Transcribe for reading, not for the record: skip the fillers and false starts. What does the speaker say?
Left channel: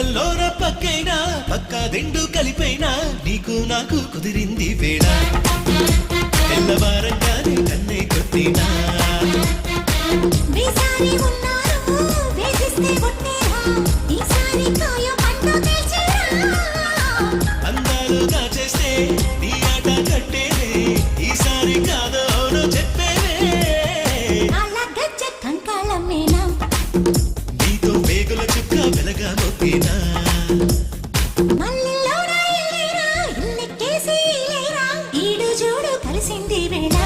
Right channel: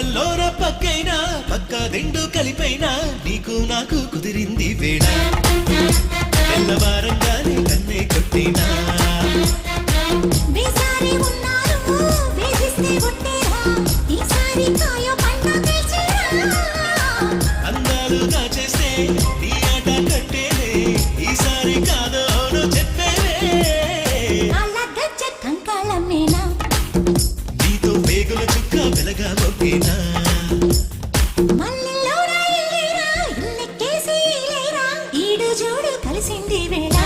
పట్టల్లోన పక్కైనా పక్క రెండు కలిపైనా నీకు నాకు కుదిరింది వేళ తెల్లవారంగానే కన్నే కొట్టేనా వేసారి ఉన్నారు వేధిస్తే కొట్టేరా ఈసారి కాయో పండు తెల్చేరా అందాలు దాచేస్తే నీ ఆట కట్టేలే ఈసారి కాదో అవును చెప్పేవే అలా గజ్జ కంకాళమేనా నీతో వేగుల చుక్క వెలగా మొగ్గేనా మల్లెల్లోనా ఇల్లేరా ఇల్లెక్కేసి ఇలేరా ఈడు జోడు కలిసింది వేళ